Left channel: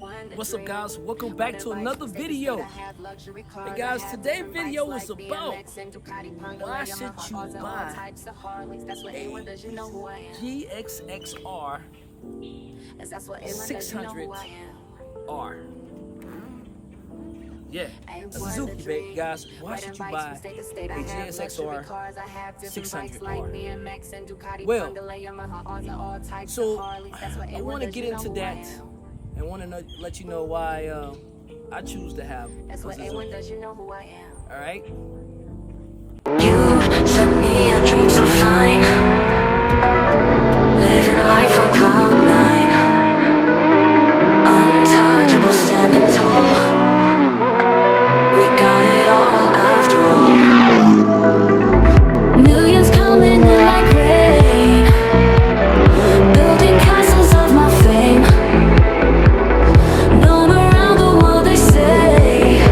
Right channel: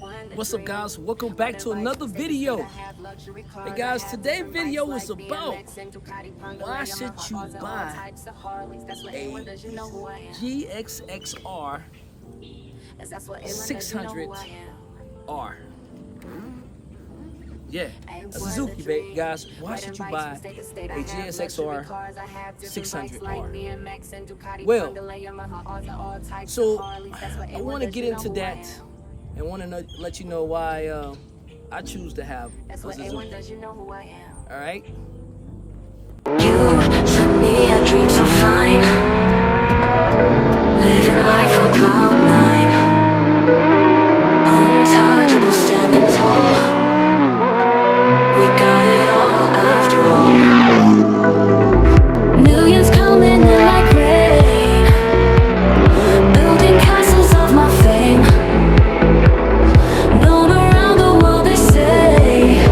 What's up, guys? Welcome back to another video. Hey guys, today's video is about why should you buy a GSXR 600R. Yeah, a Suzuki, babe. Guys, why should you buy a GSXR 600R? Well, so I want to get into that and want to let you know why I choose to have a Suzuki. All right. You set me a dream so fine, living life on cloud nine, untouchable, standing tall. We got it all after all. Millions coming in like rain, building castles of my fame. Known around the world, they say,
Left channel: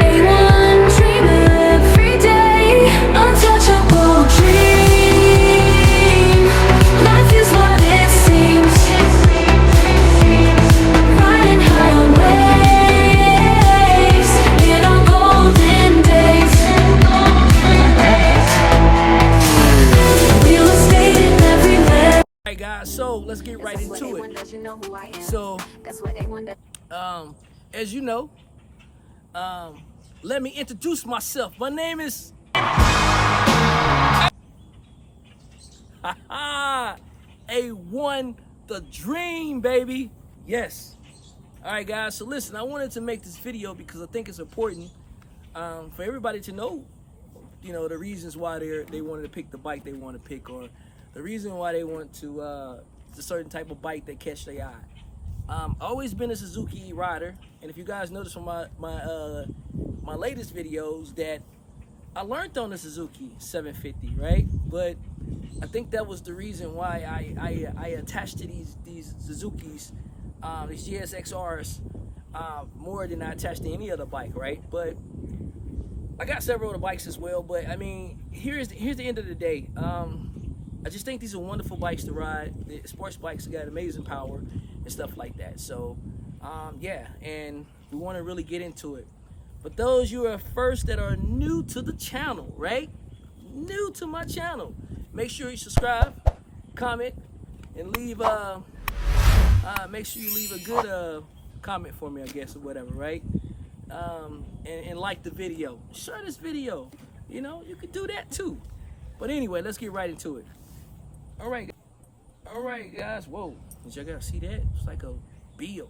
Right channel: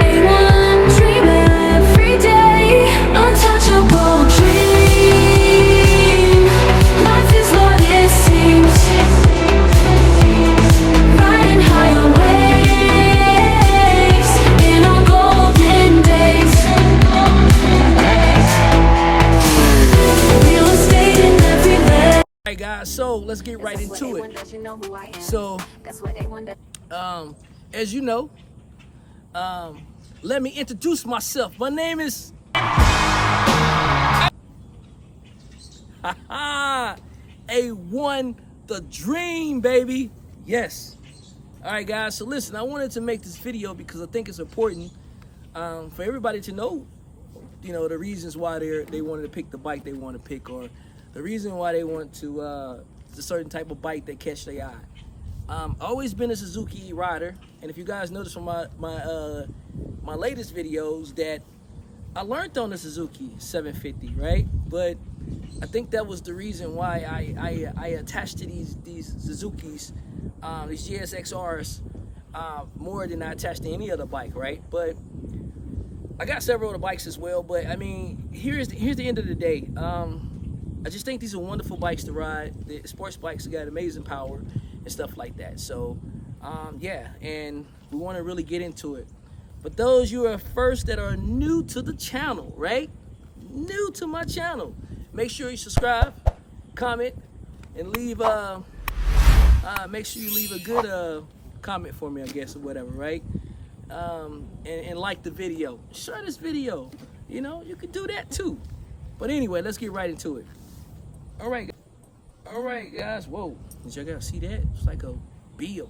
A1 dreaming every day, untouchable dream. Life is what it seems, riding high on waves in our golden days. Real estate in every land. All right, guys. So let's get right into it. So, as you know, let me introduce myself. My name is A1 the Dream, baby. Yes. All right, guys. So listen, I wanted to make this video because I think it's important for everybody to know, the reasons why they wanted to pick the bike they want to pick, or the reason why they want to a certain type of bike that catch their eye. Always been a Suzuki rider, and if you guys notice from my latest videos that I learned on the Suzuki 750, right? But I think that was the reason why I attached to these Suzukis, these GSXRs, more than I attached to any other bike, right? But I got several of the bikes as well. But I mean, here's the end of the day. I just think these are wonderful bikes to ride. The sports bikes got amazing power and stuff like that. So, yeah, and we want to really get into it. But those you are first that are new to the channel, right? New to my channel, make sure you subscribe, comment, and leave. Make sure you leave a good comment for me, I guess, or whatever, right? And like the video, share this video. You can do that too. But anyway, let's get right into it. All right, guys. Whoa, did y'all guys see that? It's like a bee, a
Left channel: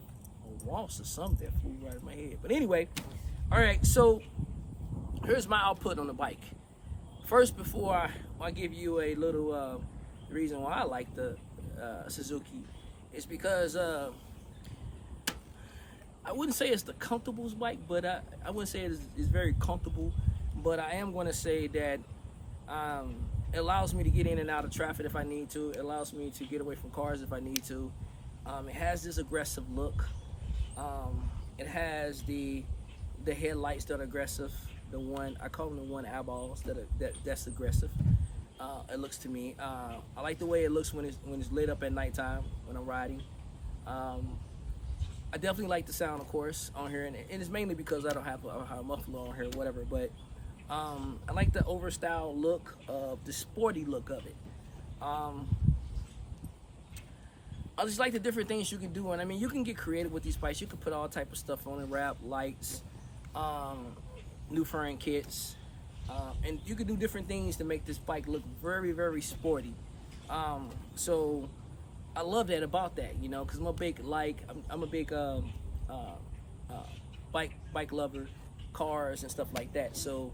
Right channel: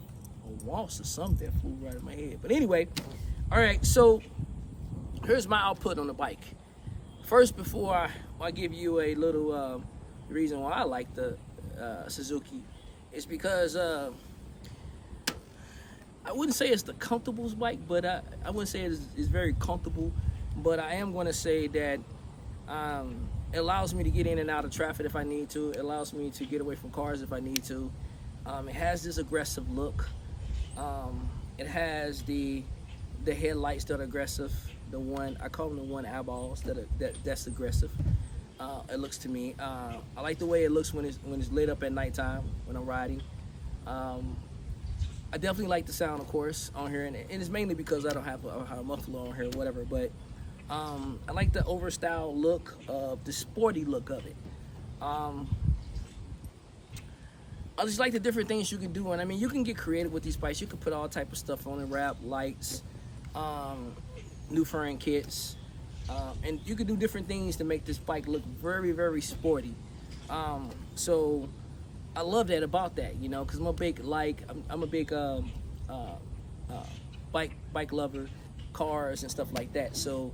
wasp or something that flew right in my head. But anyway, all right. So here's my output on the bike. First, before I give you a little reason why I like the Suzuki, is because I wouldn't say it's the comfortablest bike, but I wouldn't say it's very comfortable. But I am going to say that it allows me to get in and out of traffic if I need to. It allows me to get away from cars if I need to. It has this aggressive look. It has the headlights that are aggressive. I call them the one eyeballs that's aggressive. It looks to me. I like the way it looks when it's lit up at nighttime when I'm riding. I definitely like the sound, of course, on here, and it's mainly because I don't have a muffler on here or whatever. But I like the overstyle look of the sporty look of it. I just like the different things you can do, and I mean, you can get creative with these bikes. You can put all type of stuff on it, wrap, lights, new fairing kits, and you can do different things to make this bike look very, very sporty. So I love that about that, because I'm a big bike lover, cars and stuff like that. So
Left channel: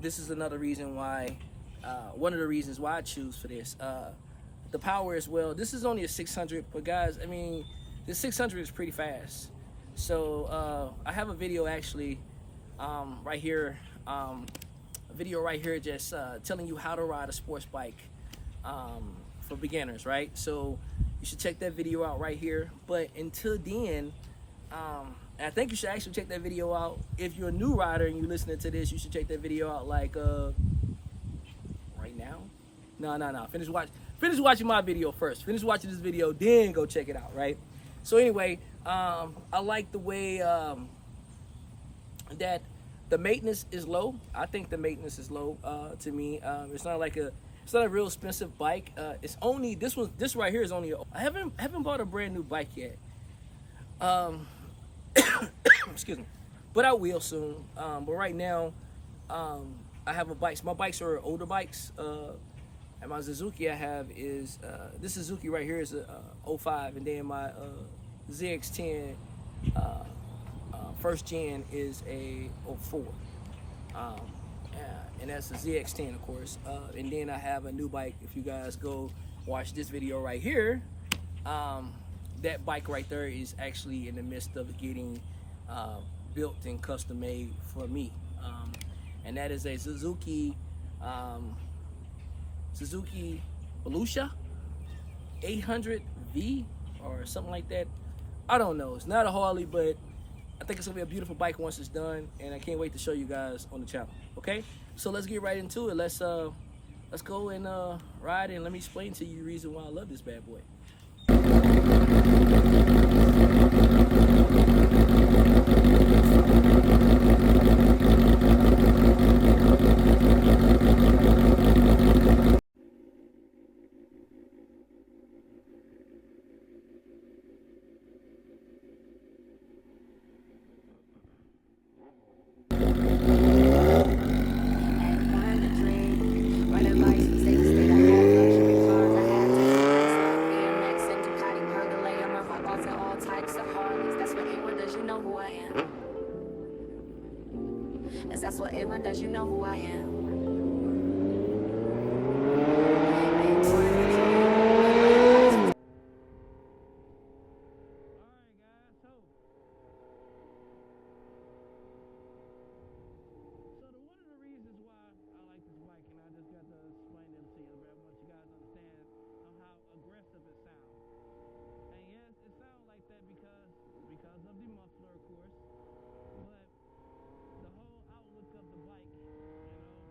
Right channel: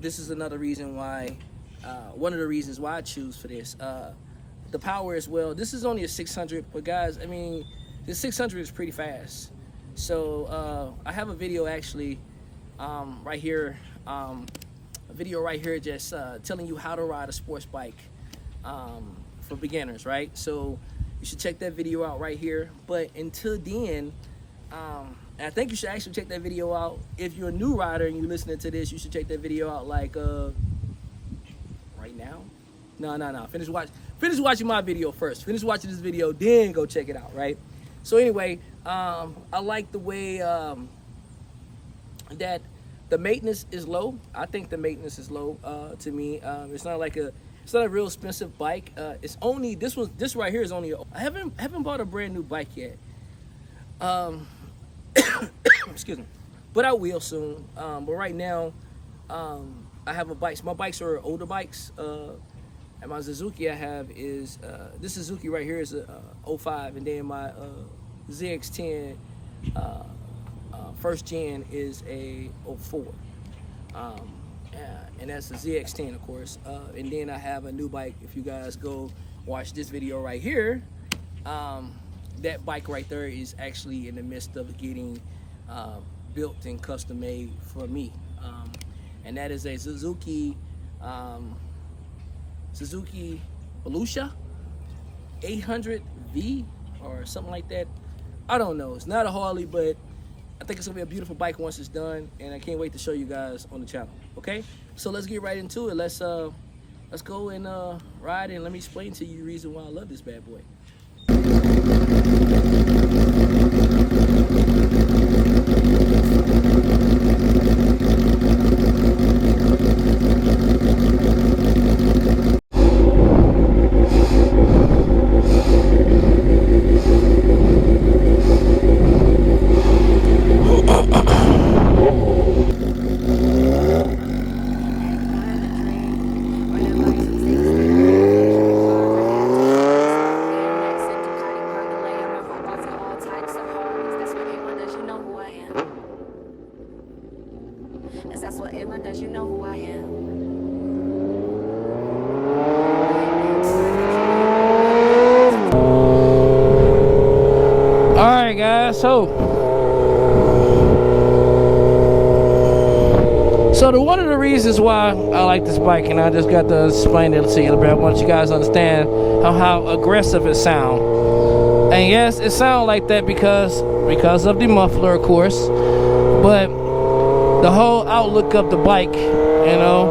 this is another reason why, one of the reasons why I choose for this. The power as well. This is only a 600, but guys, I mean, this 600 is pretty fast. So I have a video actually right here, just telling you how to ride a sports bike for beginners, right? So you should check that video out right here. But until then, and I think you should actually check that video out. If you're a new rider and you're listening to this, you should check that video out like right now. No. Finish watching my video first. Finish watching this video, then go check it out, right? So anyway, I like the way that the maintenance is low. I think the maintenance is low to me. It's not a real expensive bike. It's only this right here is only. I haven't bought a brand new bike yet. Excuse me, but I will soon. But right now, I have a bike. My bikes are older bikes. And my Suzuki I have is this Suzuki right here is a 05, and then my ZX10 first gen is a 04. And that's a ZX10, of course. And then I have a new bike. If you guys go watch this video right here, that bike right there is actually in the midst of getting built and custom made for me. And that is a Suzuki Volusia 800V or something like that. I don't know. It's not a Harley, but I think it's gonna be a beautiful bike once it's done, and I can't wait to show you guys on the channel. Okay, so let's get right into it. Let's go and ride, and let me explain to you the reason why I love this bad boy. That's what everyone does, you know who I am. Alright guys, so one of the reasons why I like this bike, and I just got to explain it to you a little bit, I want you guys to understand how aggressive it sounds. And yes, it sounds like that because of the muffler, of course, but the whole outlook of the bike, you know,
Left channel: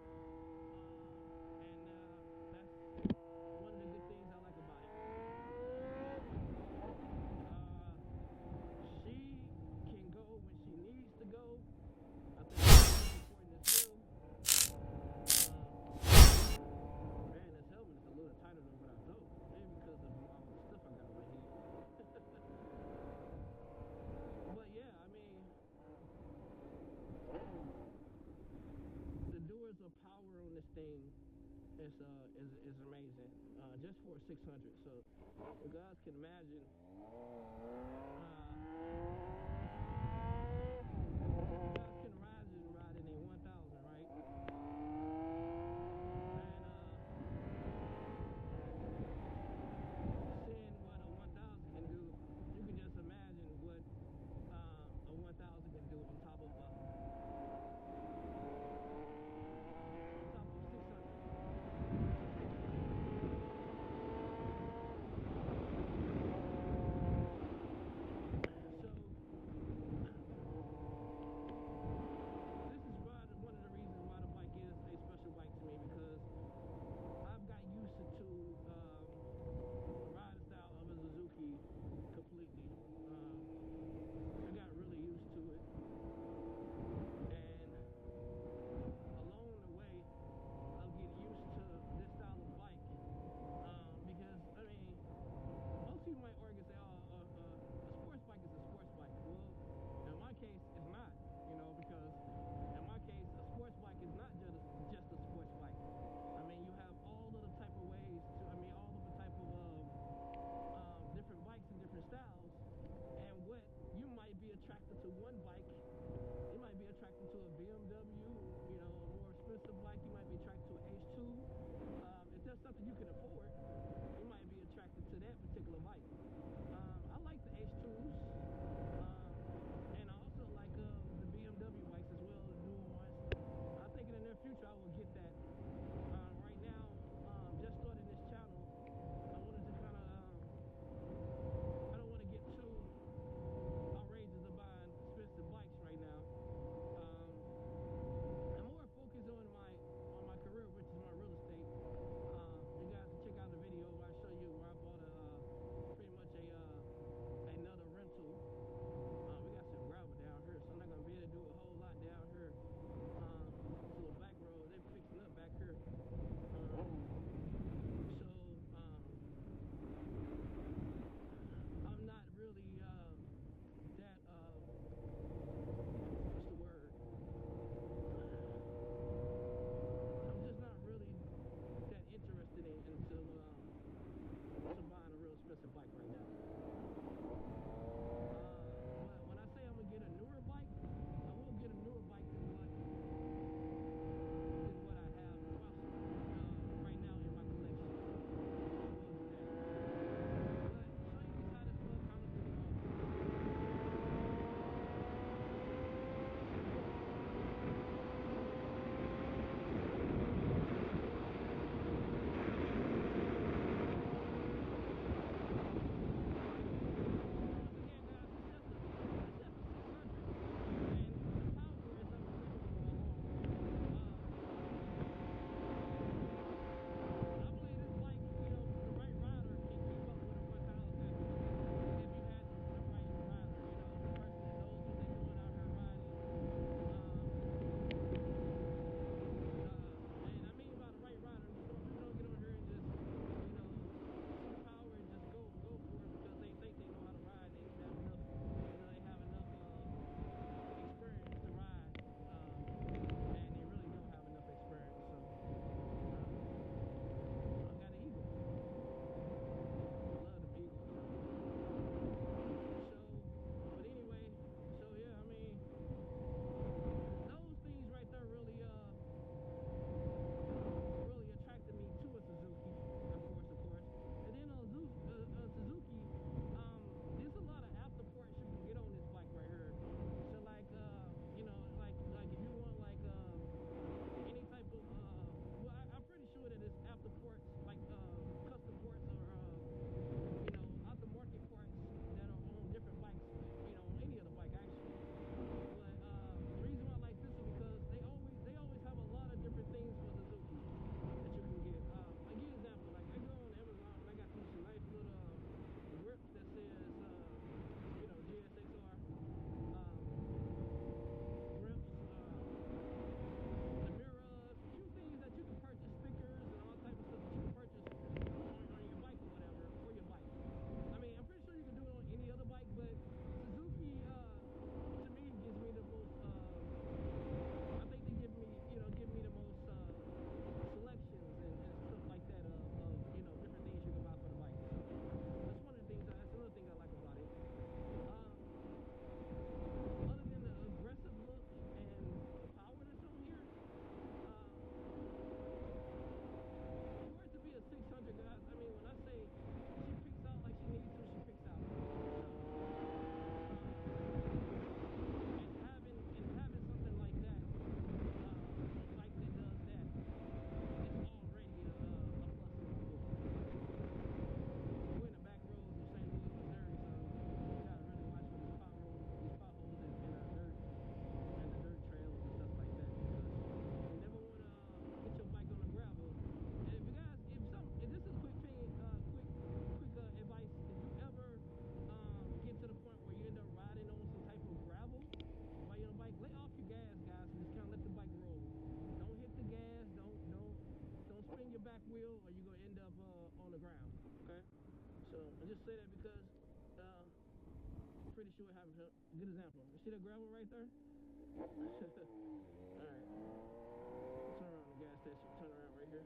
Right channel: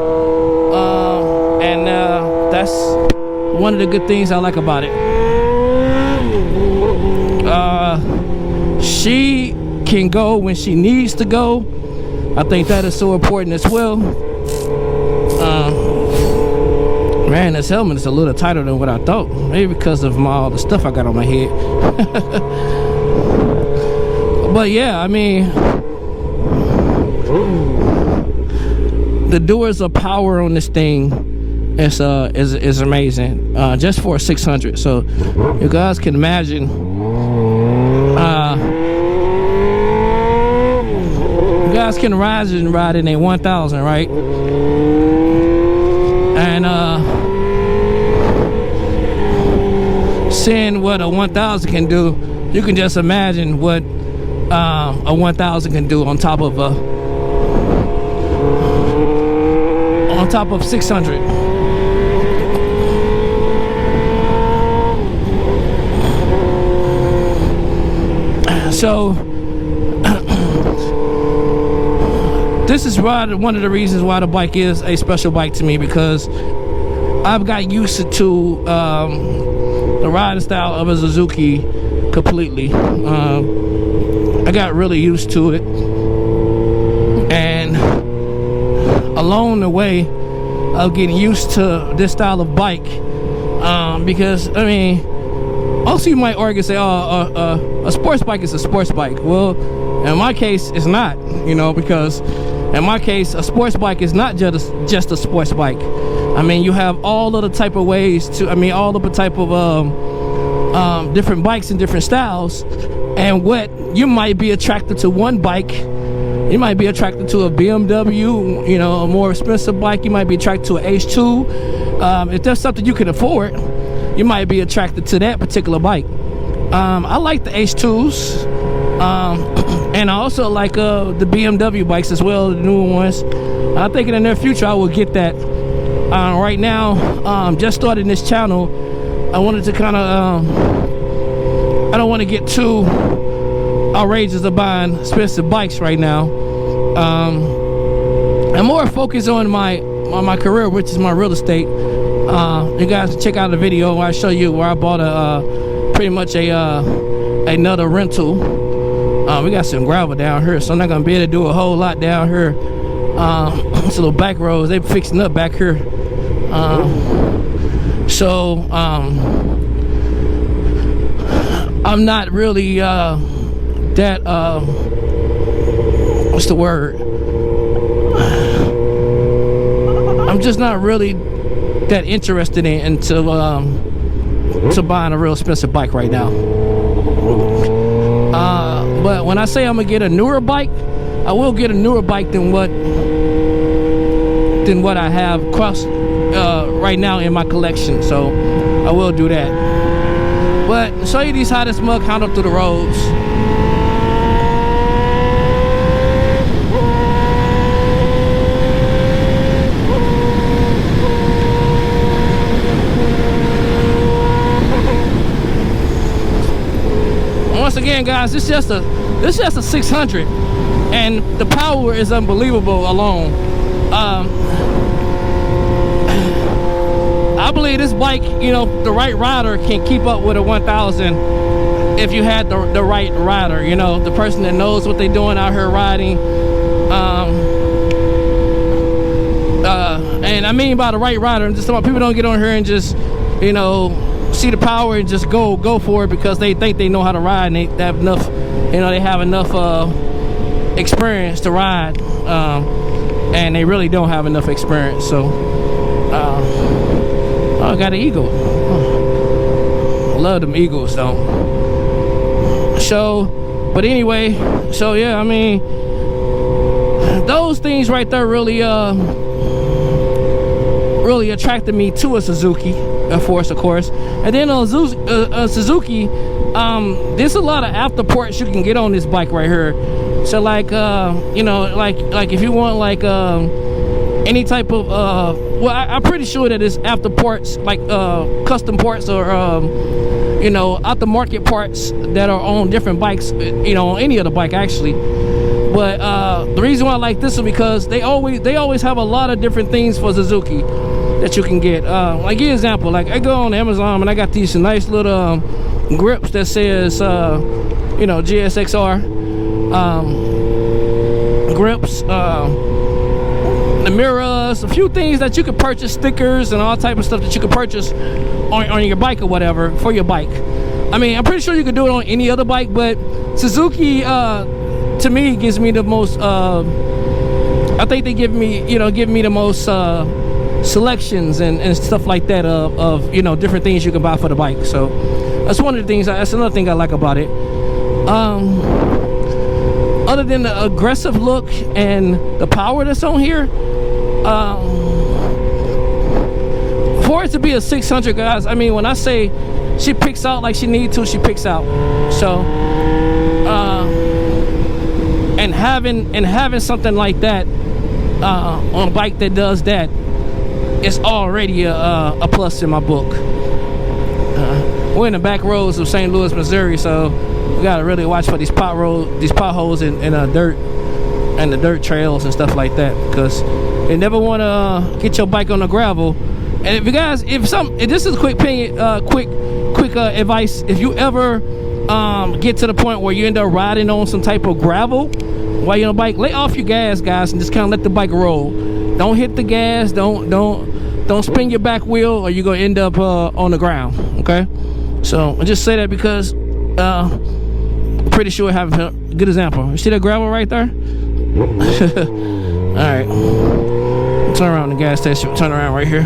and that's one of the good things I like about it. She can go when she needs to go. I think that is so important as well. Man, this helmet is a little tighter than what I thought. Maybe because of all the stuff I got on my head. But yeah, I mean, the doors of power on this thing is amazing. Just for a 600. So you guys can imagine. You guys can ride in a 1000, right? And seeing what a 1000 can do, you can just imagine what a 1000 can do on top of 600. So this is one of the reasons why the bike is a special bike to me, because I've got used to the riding style of a Suzuki completely. I got really used to it, and along the way of getting used to this style of bike, because I mean, also you might argue, say, oh, a sports bike is a sports bike. Well, in my case, it's not, you know, because in my case, a sports bike is not just a sports bike. I mean, you have all of the type of ways to, I mean, all of the type of different bikes and different styles. And what you might be attracted to one bike, you might be attracted to a BMW, you know, a more expensive bike. You might be attracted to an H2. If there's something you can afford, you might be attracted to that particular bike. I like the H2s. And I also like the BMW bikes as well, the newer ones. I think in the near future I will get that. Right now, just starting this channel, I wanted to kind of, I don't want to get too outrageous of buying expensive bikes right now. I'm more focused on my career, which is my real estate. You guys check out the video where I show you where I bought pretty much a another rental. We got some gravel down here, so I'm not gonna be able to do a whole lot down here. It's a little back roads. They fixing up back here. So I'm not really that what's the word? I'm just not really that interested into buying a real expensive bike right now. But when I say I'm gonna get a newer bike, I will get a newer bike than what I have right now in my collection. So I will do that. But show you how this mug handled through the roads. Once again, guys, this is just a 600, and the power is unbelievable alone. I believe this bike, you know, the right rider can keep up with a 1000 if you had the right rider, you know, the person that knows what they're doing out here riding. And I mean by the right rider, I'm just talking about people don't get on here and just, you know, see the power and just go for it because they think they know how to ride and they have enough, you know, they have enough experience to ride, and they really don't have enough experience. So oh, I got an Eagle. I love them Eagles though. So, but anyway, so yeah, I mean, those things right there really really attracted me to a Suzuki, of course. And then Suzuki, there's a lot of afterparts you can get on this bike right here. So like, you know, like if you want like any type of well, I'm pretty sure that it's afterparts, like custom parts or you know, aftermarket parts that are on different bikes, you know, on any other bike actually. But the reason why I like this is because they always have a lot of different things for Suzuki that you can get. Like, give you an example, like I go on Amazon and I got these nice little grips that says you know, GSXR grips, the mirrors, a few things that you could purchase, stickers and all type of stuff that you could purchase on your bike or whatever for your bike. I mean, I'm pretty sure you could do it on any other bike, but Suzuki to me gives me the most I think they give me the most selections and stuff like that of you know, different things you can buy for the bike. So that's one of the things, that's another thing I like about it. Other than the aggressive look and the power that's on here, for it to be a 600, guys, I mean, when I say she picks out like she needs to, she picks out. So and having something like that on a bike that does that, it's already a plus in my book. We're in the back roads of St. Louis, Missouri, so we gotta really watch for these potholes and dirt and the dirt trails and stuff like that, because you never want to get your bike on the gravel. And if you guys, if this is a quick advice, if you ever get to the point where you end up riding on some type of gravel while you're on a bike, lay off your gas, guys, and just kind of let the bike roll. Don't hit the gas. Don't spin your back wheel, or you're gonna end up on the ground. Okay, so I just say that because I'm pretty sure I have a good example. You see that gravel right there? All right, turn around the gas station. Turn around right here.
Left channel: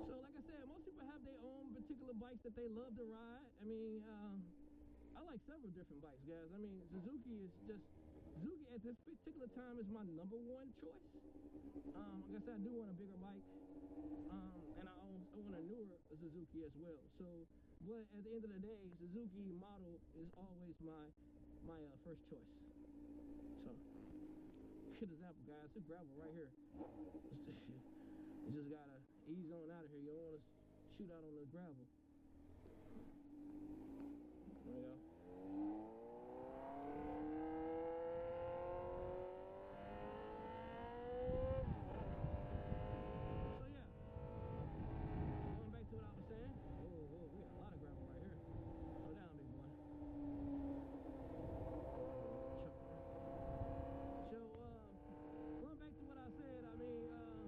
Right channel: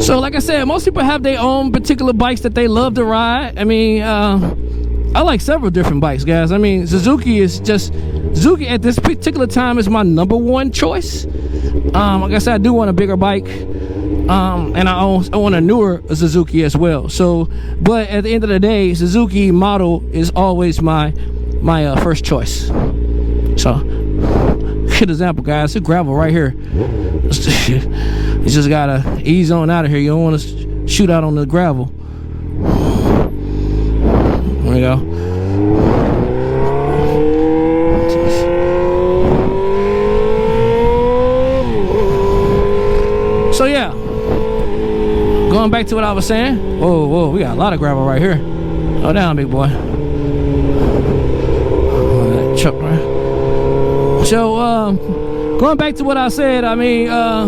So like I said, most people have their own particular bikes that they love to ride. I mean, I like several different bikes, guys. I mean, Suzuki at this particular time is my #1 choice. Like I said, I do want a bigger bike, and I want a newer Suzuki as well. So, but at the end of the day, Suzuki model is always my first choice. So, good example, guys. It's gravel right here. You just gotta ease on out of here. You don't want to shoot out on the gravel. There we go. So yeah, going back to what I was saying. Whoa, we got a lot of gravel right here. Slow down, big boy. Oh, that truck, right? So going back to what I said, I mean, I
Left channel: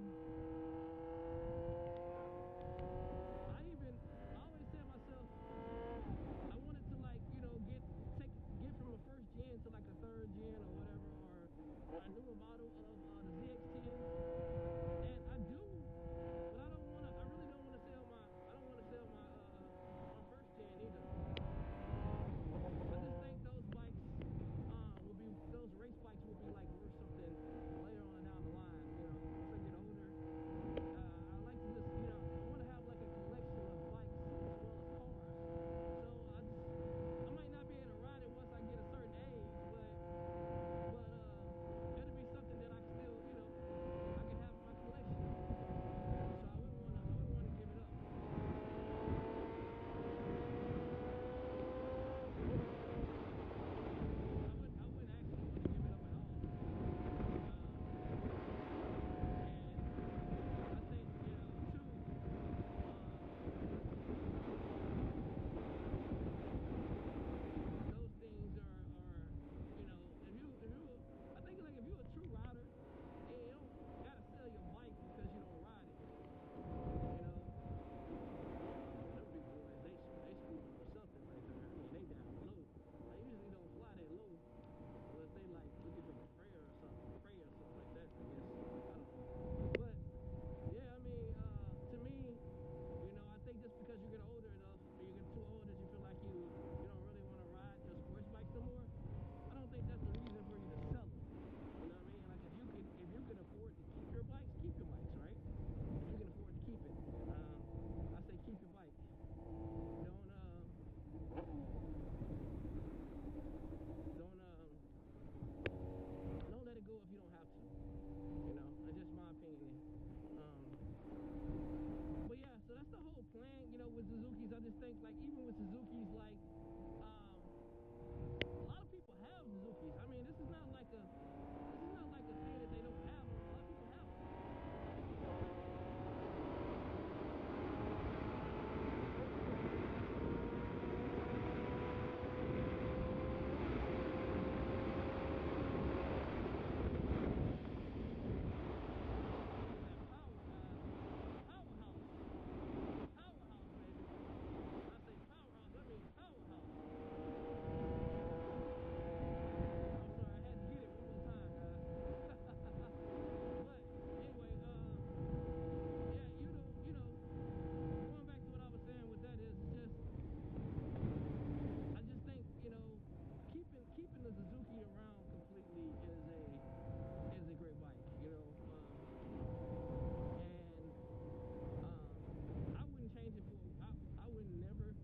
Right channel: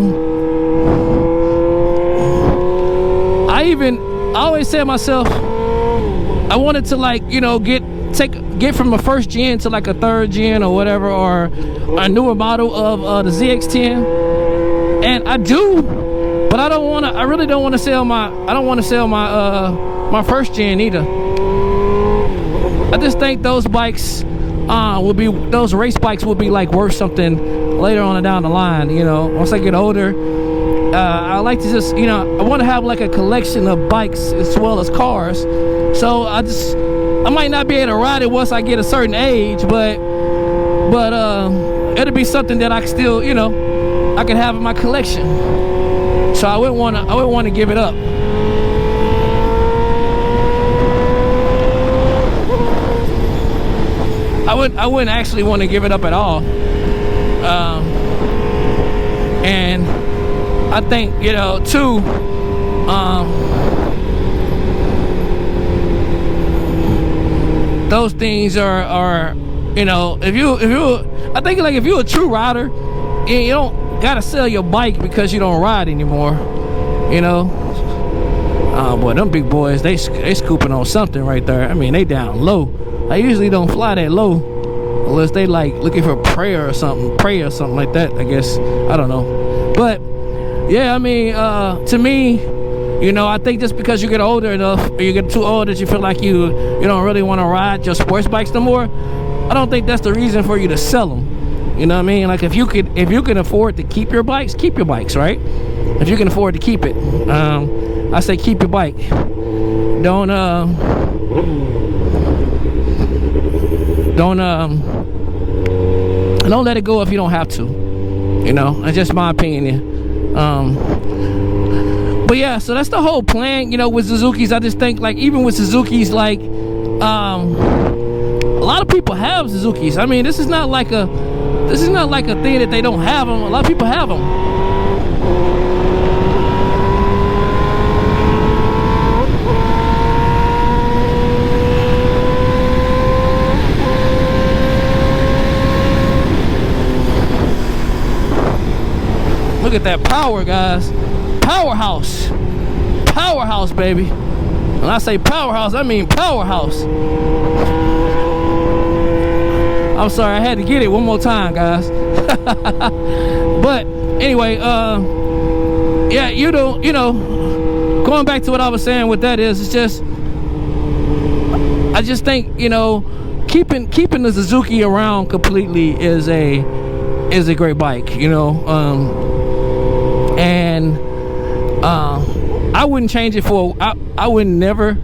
always said to myself, I wanted to, like, you know, get from a first gen to like a third gen or whatever, or a newer model of the ZX10. And I do, but I really don't want to sell my my first gen either. I just think those bikes those race bikes will be like worth something later on down the line, you know, once I get older. I like to just, you know, I want to have like a collection of bikes as well as cars. So I might not be able to ride it once I get a certain age, but it'll be something that I can still, you know, I can have in my collection. So I wouldn't want to give it up. I wouldn't actually want to give it up at all. And I think, you know, too, those things are, you know, if I think, like, if you're a true rider, you don't gotta sell your bike because you don't ride anymore, you know. Oh boy, them big boys, they scooping on something right there. I mean, they down low. I usually don't fly that low unless they like looking for prey or something like that, I guess. I don't know. But yeah, I mean, to me, you know, I think just because you get older enough, or you get too old that you feel like you don't really want to ride your sports bikes no more, I don't think that's the reason for you to sell them. You know what I mean? Like, if you can afford to keep your bikes, right? If you can afford to keep it, I say keep your bike. Don't let it go if you don't have to. You know, that's just my opinion. But yeah, so that's the whole plan, you know, with Suzukis. I just think, like, even with Suzukis, like, a lot of people have Suzukis. I mean, this is not like a thing that they don't have them. A lot of people have them. Look at that power, guys. Powerhouse, baby. When I say powerhouse, I mean powerhouse. I'm sorry, I had to get it one more time, guys. But anyway, yeah, you know, going back to what I was saying with that is, it's just, I just think, you know, keeping the Suzuki around completely is a great bike, you know. And I wouldn't change it for, I would never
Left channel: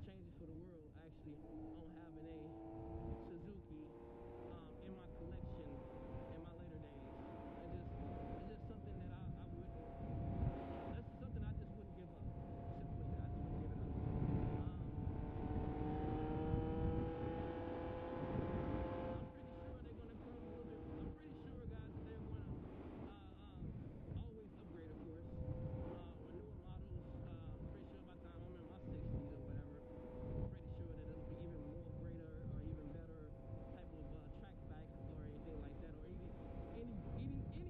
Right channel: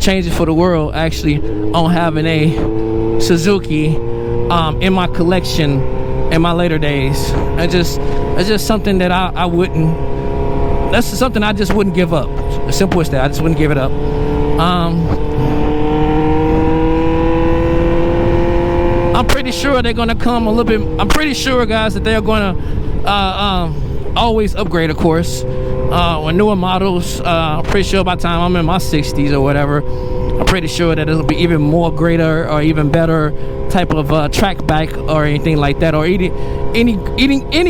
change it for the world, actually, on having a Suzuki in my collection in my later days. It's just something that I wouldn't, that's something I just wouldn't give up. As simple as that, I just wouldn't give it up. I'm pretty sure they're gonna come a little bit, I'm pretty sure, guys, that they're gonna always upgrade, of course, with newer models. I'm pretty sure by the time I'm in my 60s or whatever, I'm pretty sure that it'll be even more greater or even better type of track bike or anything like that, or any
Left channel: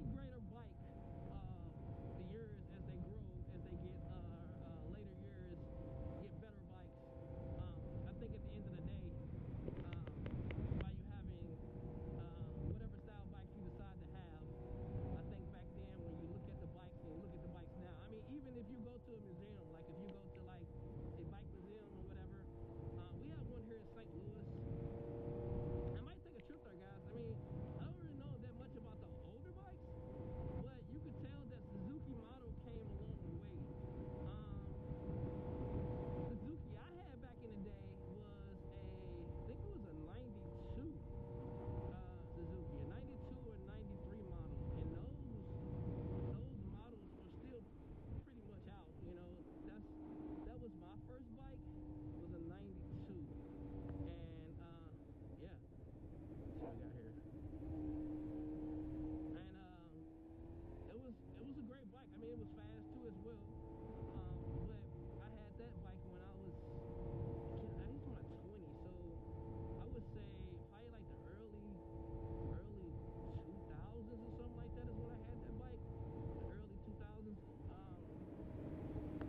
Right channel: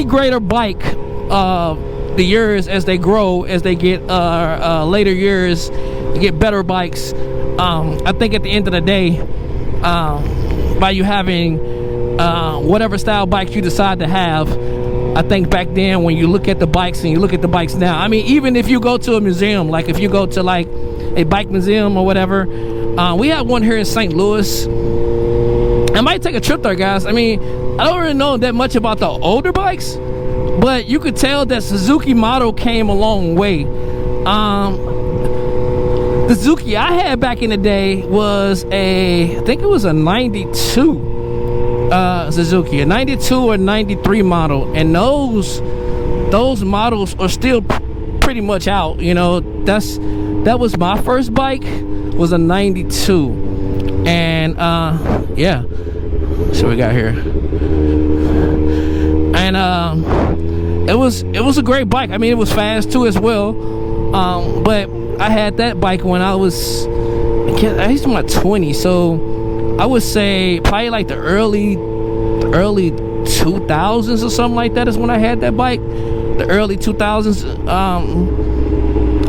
greater bike the years as they grow, as they get later years, get better bikes. I think at the end of the day, by you having whatever style bike you decide to have, I think back then, when you look at the bikes and you look at the bikes now, I mean, even if you go to a museum, like if you go to like a bike museum or whatever, we have one here in St. Louis. I might take a trip there, guys. I mean, I don't really know that much about the older bikes, but you could tell that Suzuki model came a long way. The Suzuki I had back in the day was I think it was a 92 Suzuki, a 92 or 93 model, and those models are still pretty much out, you know. That was my first bike, was a 92. And yeah, so we got here, and it was a great bike. I mean, it was fast too as well. But I had that bike when I was in my 20s, so I would say probably like the early 2000s or something like that is when I had that bike. The early 2000s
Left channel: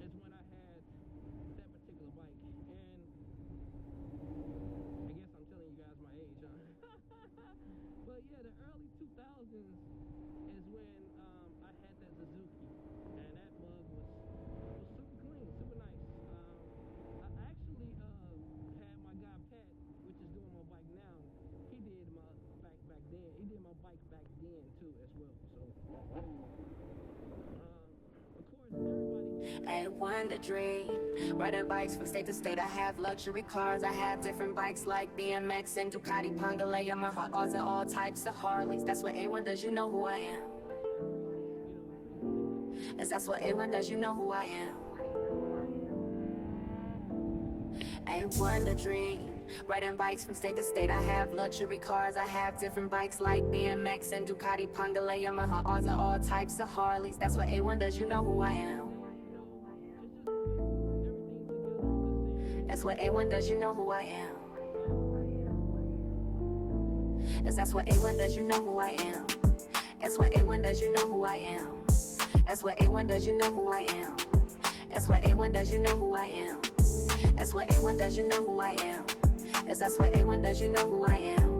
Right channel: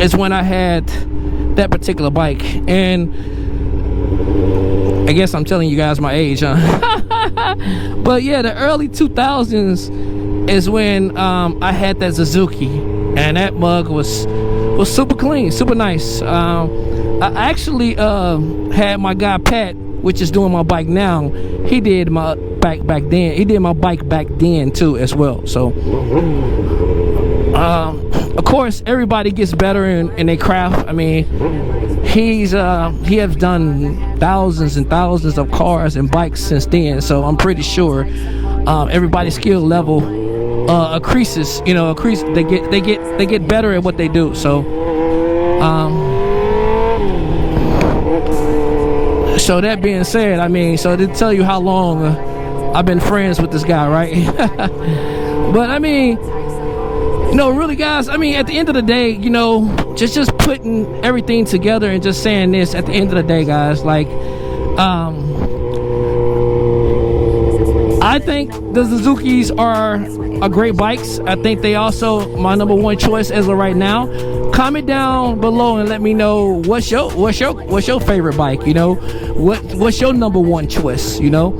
is when I had that particular bike. And I guess I'm telling you guys my age, huh? But yeah, the early 2000s is when I had that Suzuki, and that mug was super clean, super nice. I actually had my guy Pat, which is doing my bike now. He did my bike back then. He did my bike back then too as well. So of course everybody gets better in their craft. I mean, he has done thousands and thousands of cars and bikes since then, so I'm pretty sure everybody's skill level increases. You know, they get better at what they do. So so that being said, I mean, so to tell you how long I've been friends with this guy, right? But I mean, you know, really, guys, I mean, at the end of the day, you know, just putting everything together and just saying this, at the end of the day, guys, like, I think the Suzukis are great bikes. I think they also my number one choice as of right now. Comment down below and let me know what's your favorite bike. You know, what's your number one choice? You know,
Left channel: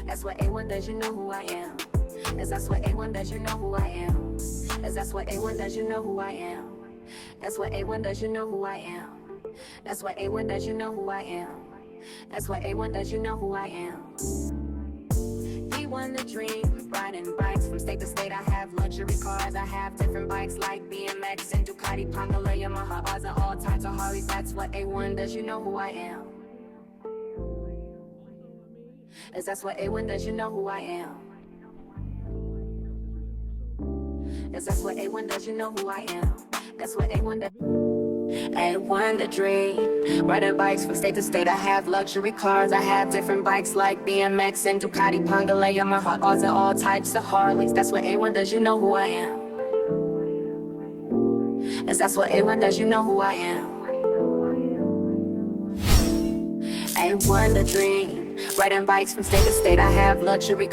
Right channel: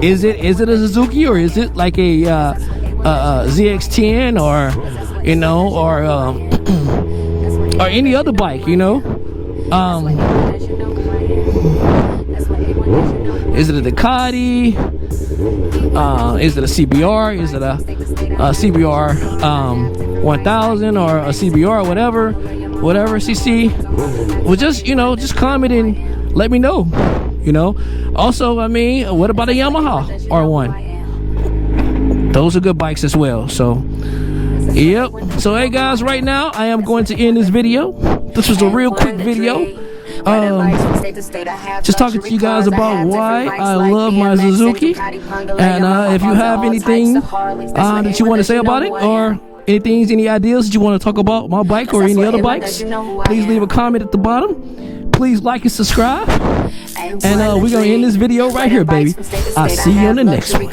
is it a Suzuki, or is it like a ZX10, or you know, or any other bike? You know, is it a Ducati? Is it a CBR? Is it a CBR 1000 or a CBR, whatever CC? Well, just, you know, just comment and let me know. You know, also, I mean, what about a Yamaha R1? Those are good bikes as well. So yep. So hey guys, right now I am going to end this video. This was a real quick video. Just talking to you guys about why I love my Suzuki, and if you have anything that you want to say about it, or any ideas that you want to talk about my bike or any other bikes, please leave a comment at the bottom. Please like and subscribe, and we're gonna end this video right here, baby. I'll see you on the next one.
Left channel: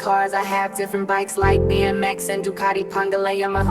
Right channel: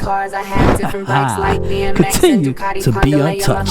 Continue to be on top.